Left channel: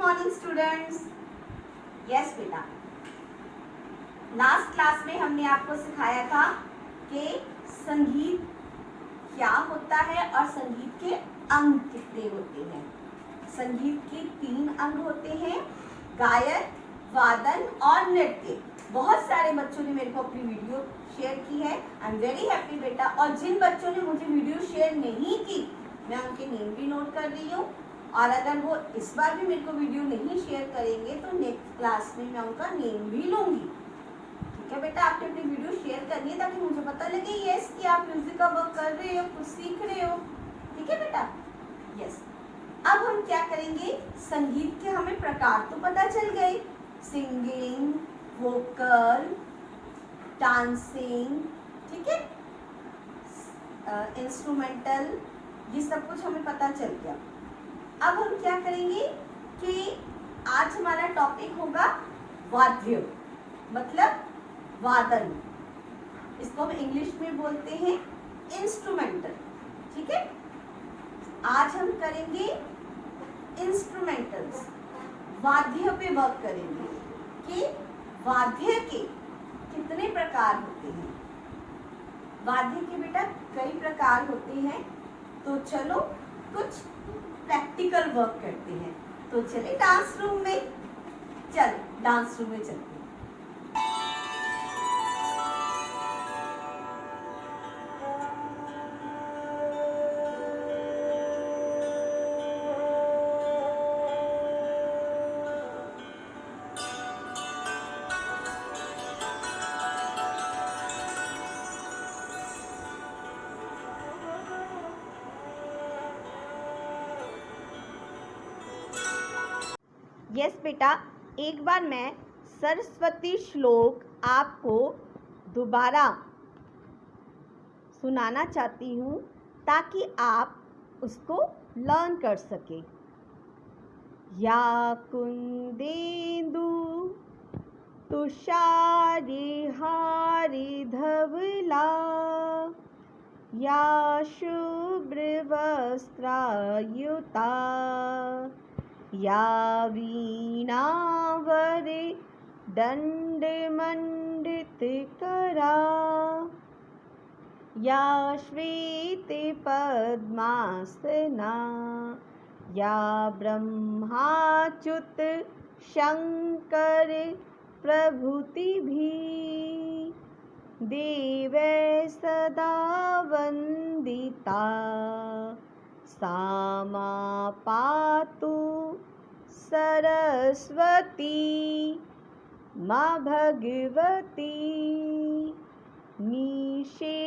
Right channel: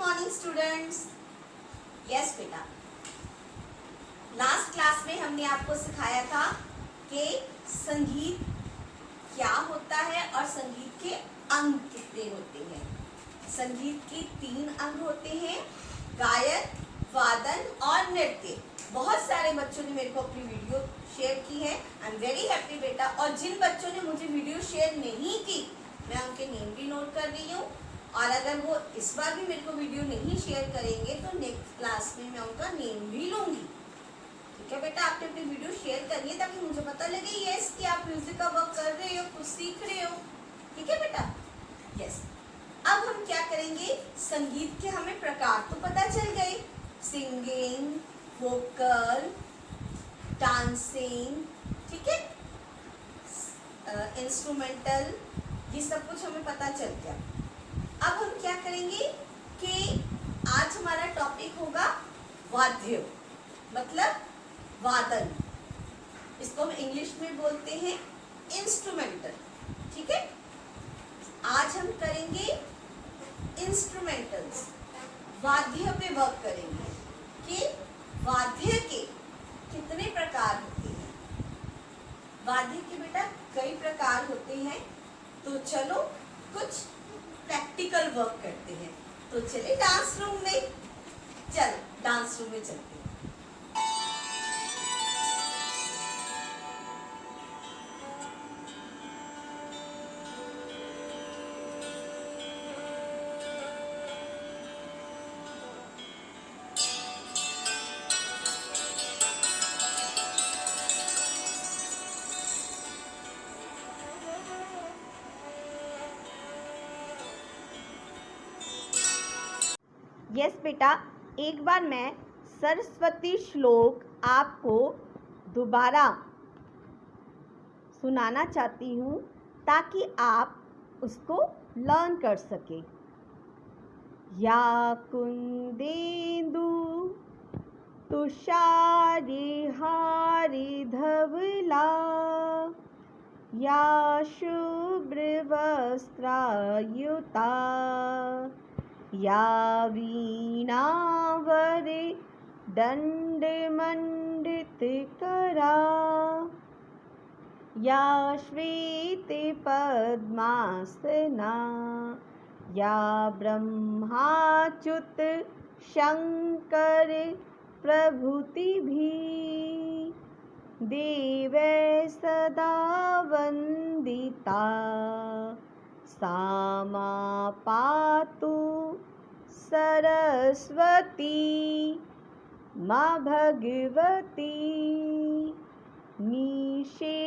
Morning students. Yes बेटा, last class में हमने आपको सिखाया था कि संगीत क्या होता है और संगीत के अंग कितने होते हैं। संगीत के 3 अंग होते हैं, गायन, वादन और नृत्य। बहुत सारे बच्चों ने मेरे को अपनी वीडियो शेयर की है। आई एम वेरी हैप्पी बेटा। और जिन बच्चों ने मुझे वीडियो शेयर नहीं की, मैं उनके नेम भी नोट कर रही हूँ। और अगर वो इस बार भी मेरे को वीडियो नहीं शेयर करेंगे तो नेक्स्ट क्लास में मैं उनका नेम भी लूँगी। ठीक है बेटा, आपने अपनी वीडियो शेयर करनी है ताकि मुझे पता लगे यस कि आप म्यूजिक का वर्क कर रहे हो, कुछ सीख रहे हो। ठीक है बेटा, यस। अब हम क्या करेंगे, संगीत के हमें प्रकार तो पता चल गए, सिंगिंग, वोकल, डांसिंग, ठीक है, इंस्ट्रूमेंटल, ये सब कुछ हमें पता चल गया। अब हम क्या करेंगे कि आज हमारा टॉपिक होगा वाद्य, मतलब वादन। इसको हम इंग्लिश में बोलते हैं इंस्ट्रूमेंटल। ठीक है, आज हम करेंगे इंस्ट्रूमेंटल्स, वाद्य पे वर्क करेंगे कि वाद्य के कितने प्रकार होते हैं। वाद्य के बेटा कई प्रकार होते हैं, तो चलो कुछ प्रैक्टिकल वर्क करते हैं। तो चले डांस रूम में, चलो डांस रूम में चलते हैं। यस बेटा, एक बार मैं सरस्वती श्लोक आपको दोबारा सुनाना चाहती हूँ ताकि आप उसको लर्न कर सकें। या कुंदेन्दु तुषारिहारि धवला, या शुभ्रवस्त्रायुता, या वीणावरे दण्डमण्डितकरा, या श्वेतपद्मासना, या ब्रह्माच्युत शङ्कर प्रभृतिभिः देवैः सदा वन्दिता, सा मा पातु सरस्वती मा भगवती निशेषजाड्यापहार,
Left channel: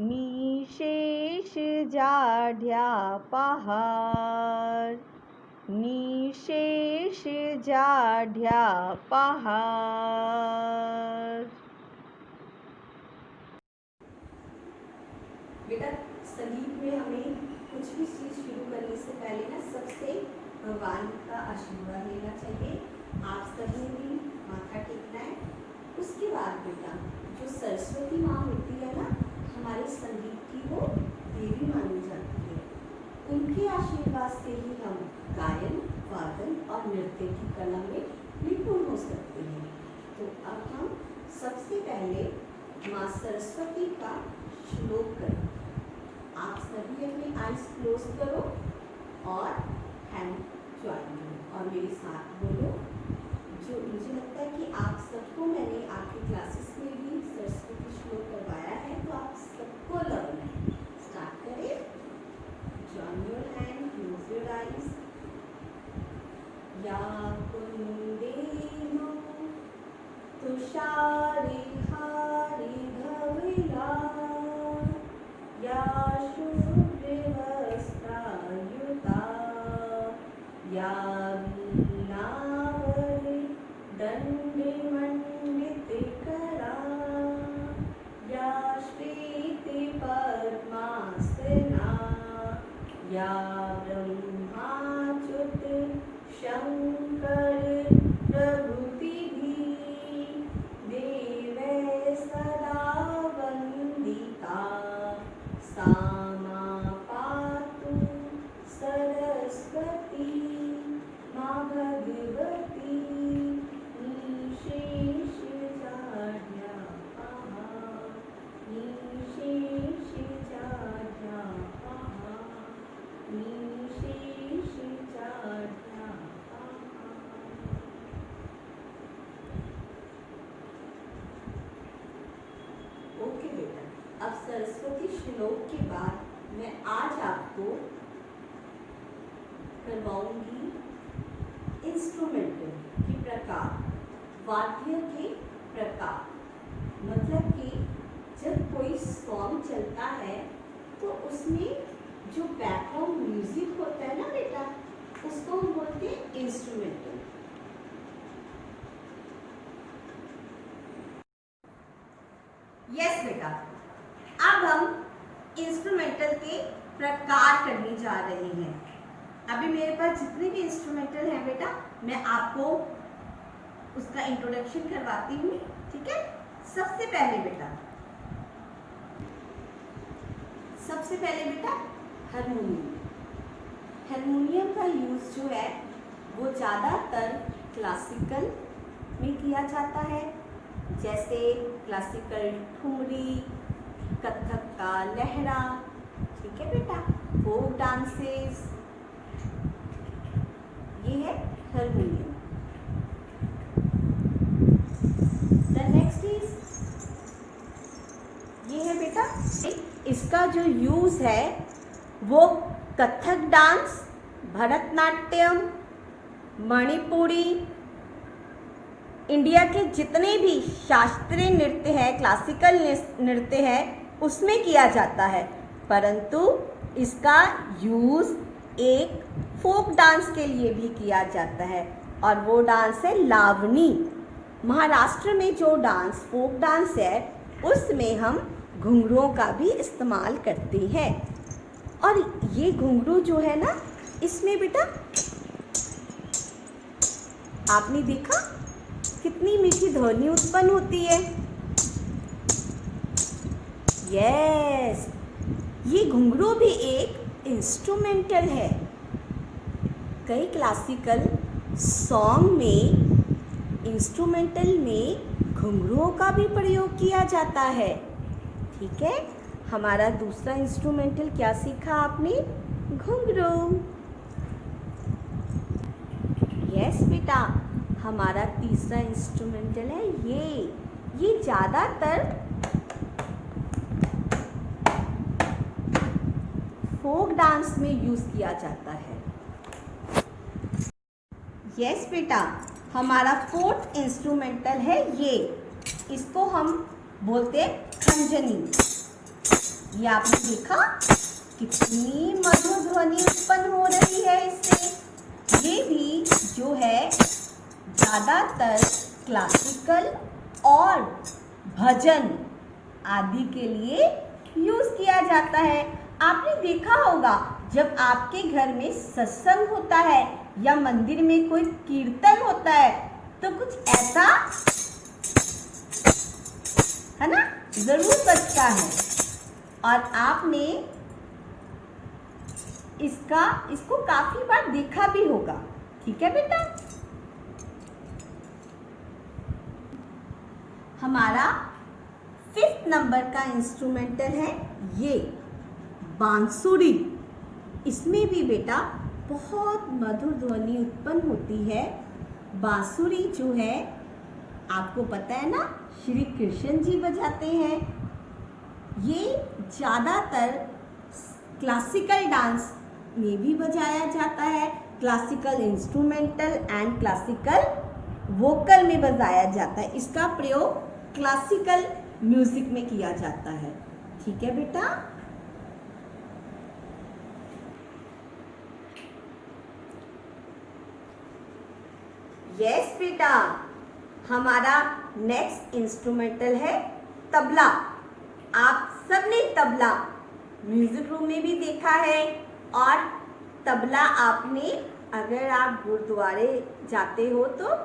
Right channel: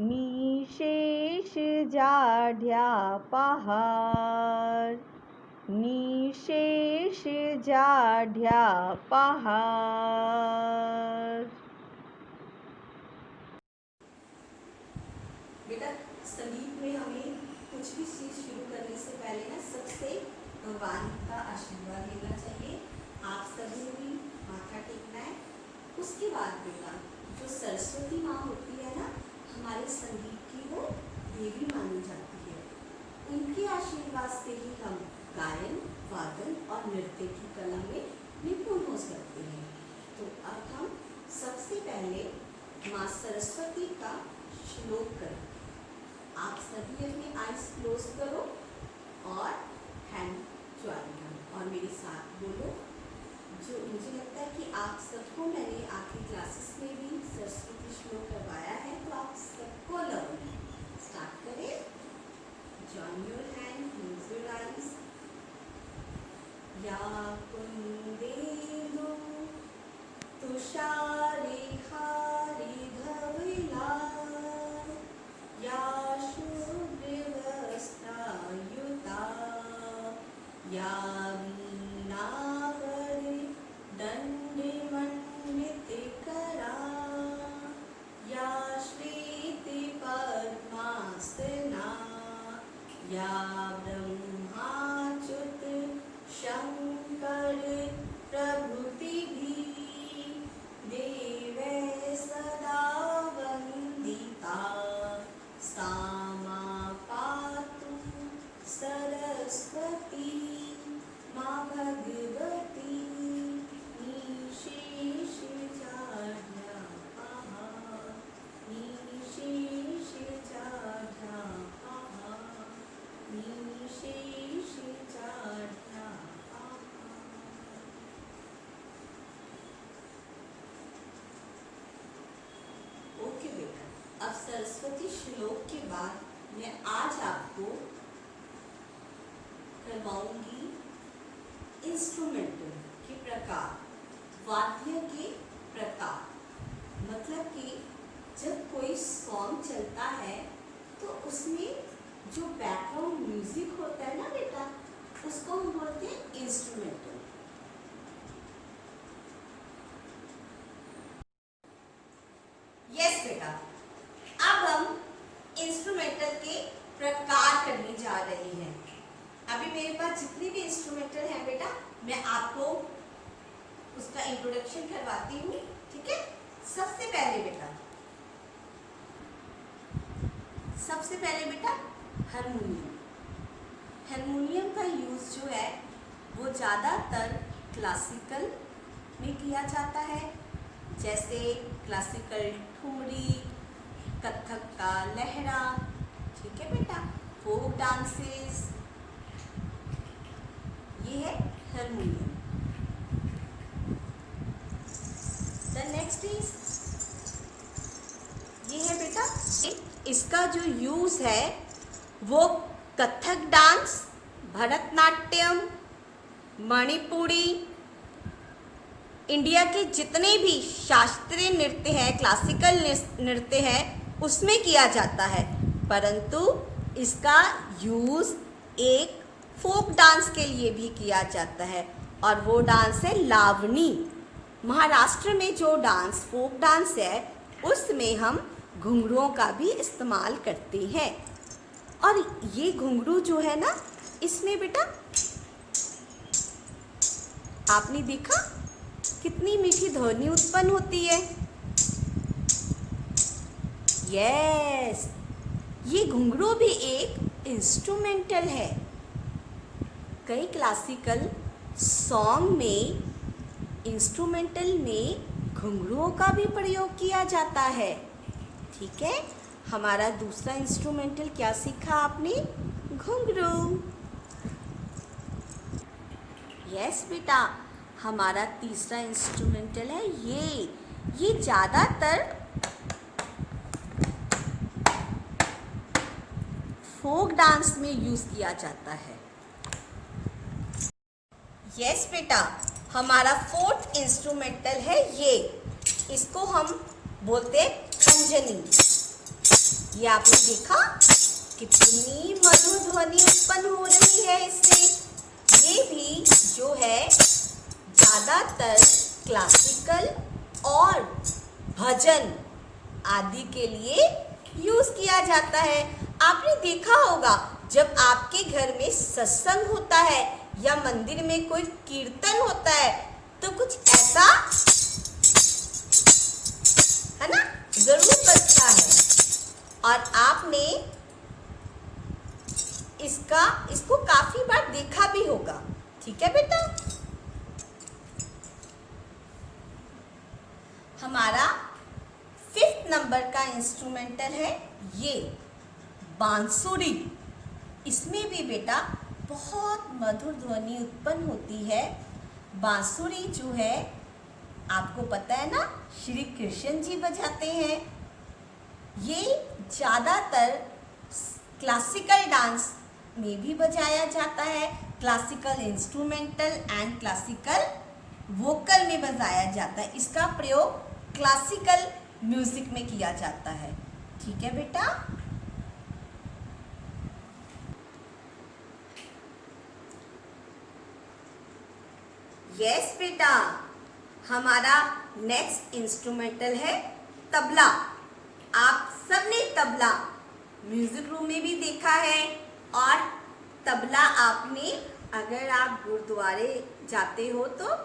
निशेषजाड्यापहार, निशेषजाड्यापहार। बेटा, संगीत में हमें कुछ भी चीज़ शुरू करने से पहले ना सबसे भगवान का आशीर्वाद लेना चाहिए। आप सभी भी माथा टेकना है। उसके बाद बेटा जो सरस्वती माँ होती है ना, हमारे संगीत की वो देवी मानी जाती है। उनके आशीर्वाद से ही हम गायन, वादन और नृत्य की कला में निपुण हो सकते हैं। तो अब हम सबसे पहले माँ सरस्वती का श्लोक करें। आप सभी अपने आईज क्लोज करो और हैंड ज्वाइन करो और मेरे साथ बोलो। जो मुझे लगता है कि आप सबको मैंने आपकी क्लासेस में भी सरस्वती श्लोक करवाया है, तो आप सबको लर्न है। स्टार्ट करें। Join your hand, close your eyes. या कुंदेन्दु तुषारिहारि धवला, या शुभ्रवस्त्रायुता, या वीणावरे दण्डमण्डितकरा, या श्वेतपद्मासना, या ब्रह्माच्युत शङ्कर प्रभृतिभिः देवैः सदा वन्दिता, सा मा पातु श्लोक के बाद मैं आज आपको करवाऊंगी इंस्ट्रूमेंटल के प्रकार, वाद्य के प्रकार। मतलब कि जब कोई सॉन्ग चलता है तो उसमें जो बैकग्राउंड म्यूजिक होता है ना बेटा, उसको हम बोलते हैं इंस्ट्रूमेंटल। यस बेटा, अब हम इंस्ट्रूमेंटल के प्रकार करने जा रहे हैं। अभी मेरे पास जितने भी इंस्ट्रूमेंटल हैं बेटा, मैं आपको उसका इंट्रोडक्शन करवाती हूँ, ठीक है। सबसे पहले बेटा हारमोनियम। हारमोनियम का यूज जो है वो ज़्यादातर क्लासिकल में किया जाता है, जैसे क्लासिकल ठुमरी, कथक का लहरा, ठीक है बेटा, फोक डांसेस, ये है हारमोनियम। द नेक्स्ट इज, ये है बेटा, इसका जो यूज है वो कथक डांस, भरतनाट्यम, मणिपुरी, इंडिया के जितने भी शास्त्रीय नृत्य हैं, क्लासिकल नृत्य हैं, उसमें किया जाता है। परंतु इसका यूज एक फोक डांस के लिए भी किया जाता है, और वो डांस है लावनी। महाराष्ट्र में जो डांस फोक डांस है उसमें हम घुंघरुओं का भी इस्तेमाल करते हैं। और ये घुंघरू जो है ना, इसमें बेटा आपने देखा कितनी मीठी ध्वनि उत्पन्न होती है। यस, ये घुंघरू भी एक इंस्ट्रूमेंटल है। कई क्लासिकल सॉन्ग में इंस्ट्रूमेंटल में घुंघरुओं का भी प्रयोग किया जाता है, ठीक है। हमारा दूसरा इंस्ट्रूमेंटल क्या सीखा आपने? घुंघरू। यस बेटा, हमारा तीसरा इंस्ट्रूमेंटल है ये ज़्यादातर फोक डांस में यूज किया जाता है। यस बेटा, हमारा फोर्थ इंस्ट्रूमेंटल है ये, इसको हम बोलते हैं खंजनी। ये आपने देखा कितनी मधुर ध्वनि उत्पन्न हो रही है इससे। ये भी जो है ज़्यादातर क्लासिकल और भजन आदि के लिए यूज किया जाता है। आपने देखा होगा जब आपके घर में सत्संग होता है या मंदिर में कोई कीर्तन होता है तो कुछ ऐसा है ना, जरूर बजता है। और आपने इसको काफी बार देखा भी होगा, ठीक है बेटा। हमारा 5th नंबर का इंस्ट्रूमेंटल है ये बांसुरी। इसमें भी बेटा बहुत मधुर ध्वनि उत्पन्न होती है। बांसुरी जो है आपको पता है ना, श्री कृष्ण जी बजाते हैं। ये ज़्यादातर क्लासिकल डांस में भी बजाया जाता है, classical instrumental and classical vocal में बजाया जाता है। इसका प्रयोग क्लासिकल म्यूजिक में किया जाता है, ठीक है बेटा। यस बेटा, हमारा नेक्स्ट इंस्ट्रूमेंटल है तबला। आप सबने तबला म्यूजिक रूम में भी देखा है, और तबला आपने, अगर आप गुरुद्वारे जाते हो तो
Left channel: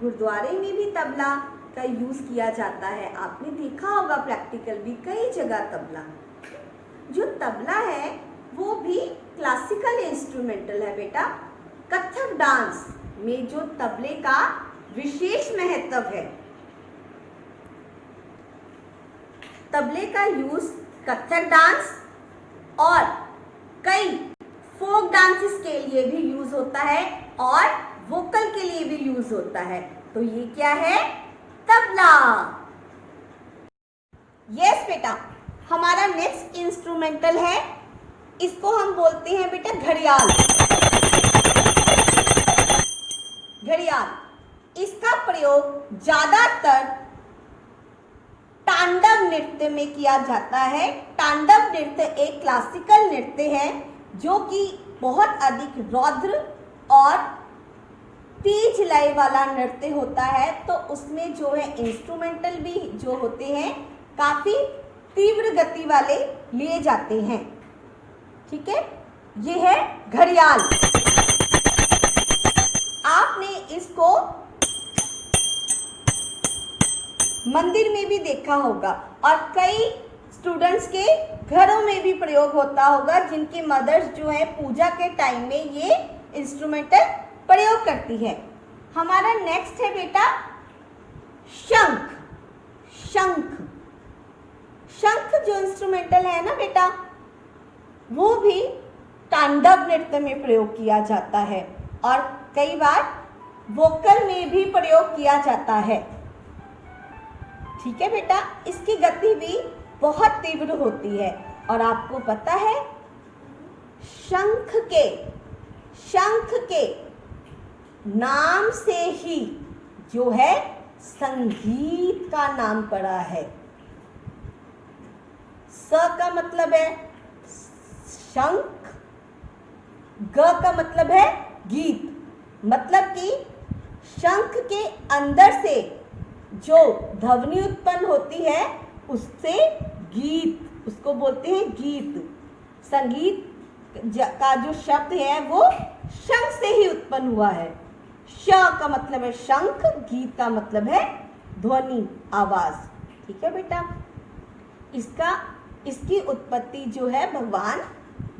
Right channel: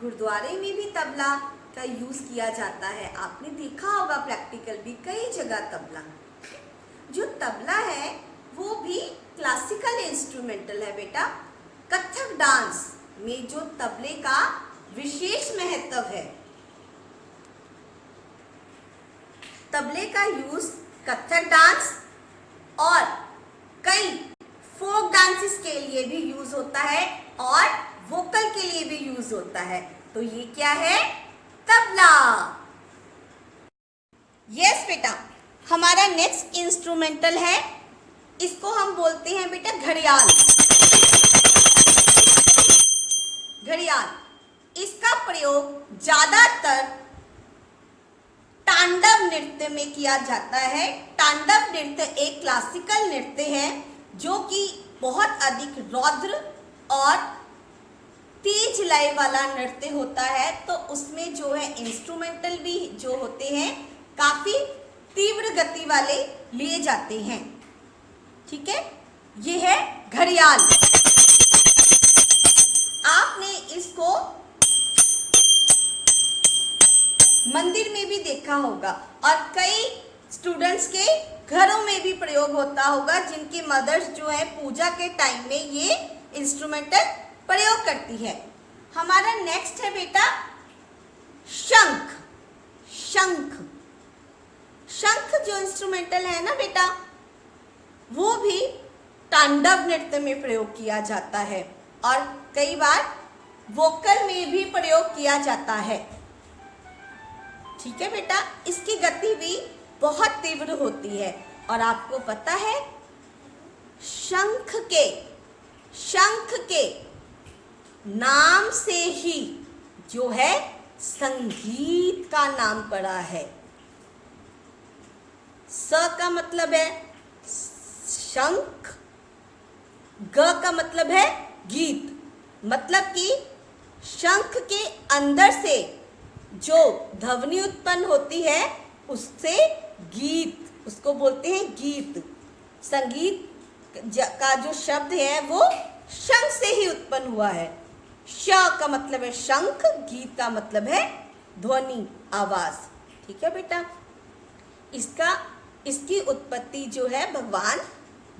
गुरुद्वारे में भी तबला का यूज किया जाता है। आपने देखा होगा प्रैक्टिकल भी कई जगह तबला। जो तबला है वो भी क्लासिकल इंस्ट्रूमेंटल है बेटा। कथक डांस में जो तबले का विशेष महत्व है, तबले का यूज कथक डांस और कई फोक डांसेस के लिए भी यूज होता है और वोकल के लिए भी यूज होता है। तो ये क्या है? तबला। यस बेटा, हमारा नेक्स्ट इंस्ट्रूमेंटल है, इसको हम बोलते हैं बेटा घड़ियाल। घड़ियाल, इसका प्रयोग ज्यादातर तांडव नृत्य में किया जाता है। तांडव नृत्य एक क्लासिकल नृत्य है जो कि बहुत अधिक रौद्र और तेज लय वाला नृत्य होता है, तो उसमें जो है इंस्ट्रूमेंटल भी जो होते हैं काफी तीव्र गति वाले लिए जाते हैं। ठीक है, ये है घड़ियाल। आपने इसको मंदिर में भी देखा होगा और कई स्टूडेंट्स के घरों में भी प्रयोग होता होगा, जिनके मदर्स जो है पूजा के टाइम में ये इंस्ट्रूमेंटल प्रयोग करती है। हमारा नेक्स्ट है बेटा शंख। शंख, शंख जो इंस्ट्रूमेंटल है ना बेटा, वो भी तांडव नृत्य में प्रयोग किया जाता है और कई बार वोकल में भी प्रयोग किया जाता है। ठीक है बेटा, इसकी गति भी बहुत तीव्र होती है और आपको पता है शंख के नाम से ही जो है संगीत का नाम पड़ा है। स का मतलब है शंख, ग का मतलब है गीत, मतलब कि शंख के अंदर से जो ध्वनि उत्पन्न होती है उससे गीत, उसको बोलते हैं गीत। संगीत का जो शब्द है वो शंख से ही उत्पन्न हुआ है। श का मतलब है शंख, गीत का मतलब है ध्वनि, आवाज। ठीक है बेटा, इसकी उत्पत्ति जो है भगवान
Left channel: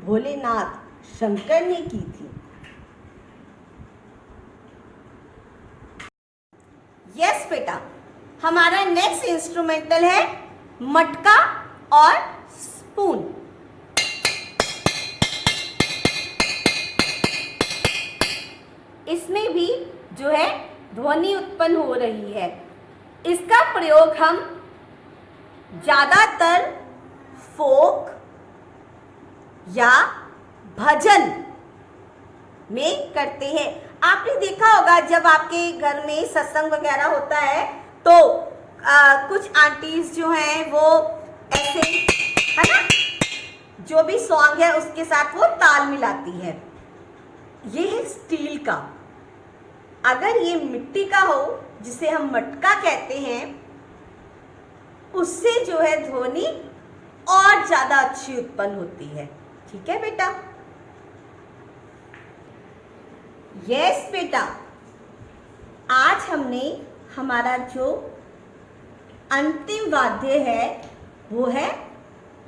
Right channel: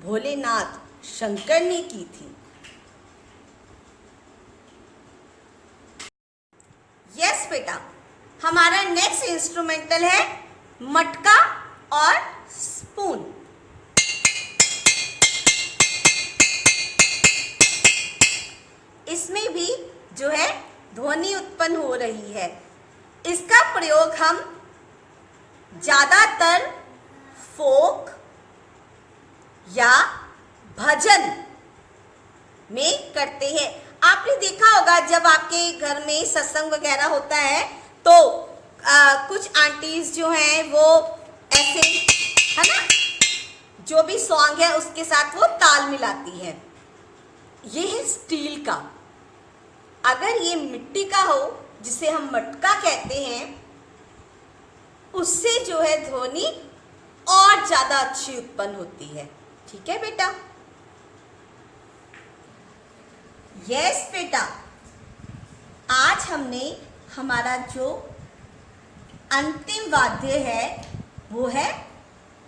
भोलेनाथ शंकर ने की थी। यस बेटा, हमारा नेक्स्ट इंस्ट्रूमेंटल है मटका और स्पून। इसमें भी जो है ध्वनि उत्पन्न हो रही है। इसका प्रयोग हम ज्यादातर फोक या भजन में करते हैं। आपने देखा होगा जब आपके घर में सत्संग वगैरह होता है तो कुछ आंटीज जो हैं वो ऐसे, है ना, जो भी सॉन्ग है उसके साथ वो ताल मिलाती है। ये है स्टील का। अगर ये मिट्टी का हो, जिसे हम मटका कहते हैं, उससे जो है ध्वनि और ज्यादा अच्छी उत्पन्न होती है। ठीक है बेटा, यस बेटा, आज हमने हमारा जो अंतिम वाद्य है वो है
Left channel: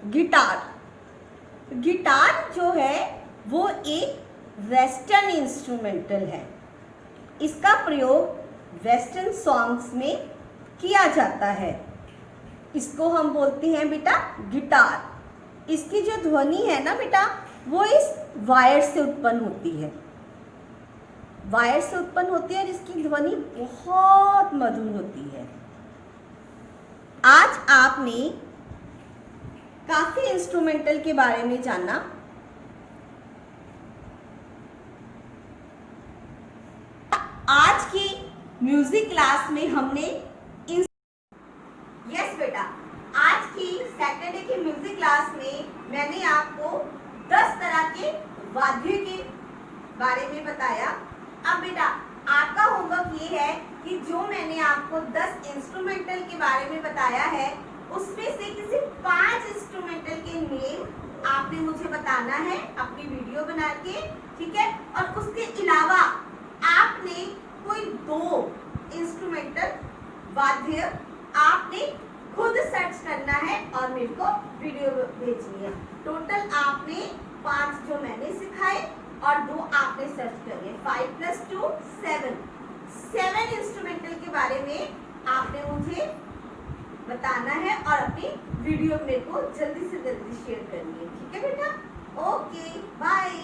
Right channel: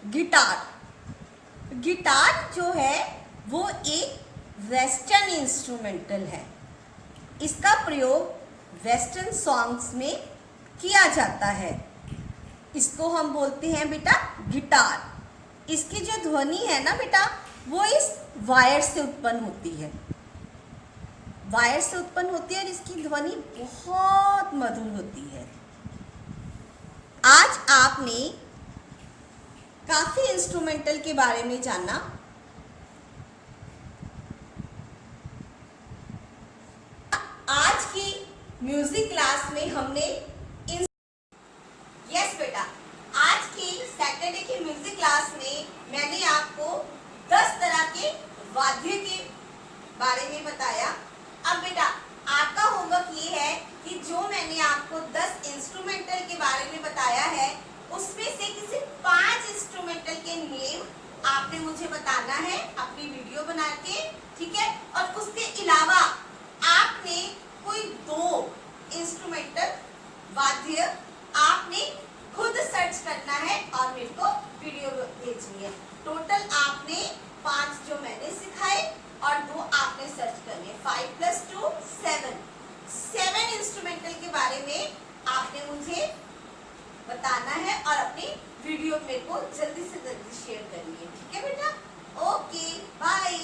गिटार। गिटार जो है वो एक वेस्टर्न इंस्ट्रूमेंटल है। इसका प्रयोग वेस्टर्न सॉन्ग्स में किया जाता है। इसको हम बोलते हैं बेटा गिटार। इसकी जो ध्वनि है ना बेटा, वो इस वायर से उत्पन्न होती है। वायर से उत्पन्न होती है और इसकी ध्वनि बहुत मधुर होती है। आज आपने काफी इंस्ट्रूमेंटल के बारे में जाना। आज की म्यूजिक क्लास में हमने यस बेटा, आज की सैटरडे की म्यूजिक क्लास में मैंने आपको 10 तरह के वाद्य के बारे में बताया। अब बेटा आपका होमवर्क ये है कि जो मैंने आपको 10 इंस्ट्रूमेंटल के बारे में बताया है, उसमें से किसी 5 इंस्ट्रूमेंटल के नेम आपने मुझे बताना है अपनी वीडियो बना के। ठीक है, और उसके अलावा आपने कोई 2 इंस्ट्रूमेंटल वाद्य आपने खुद सर्च करना है और मेरे को वीडियो भेजनी है। टोटल आपने 5 जो मैंने सिखाए और 2 आपने सर्च करने। 5 + 2 7 इंस्ट्रूमेंटल के बारे में आपने मुझे बताना है और अपनी वीडियो मेरे को जल्दी से जल्दी शेयर करनी है। ठीक है बेटा, ओके बाय।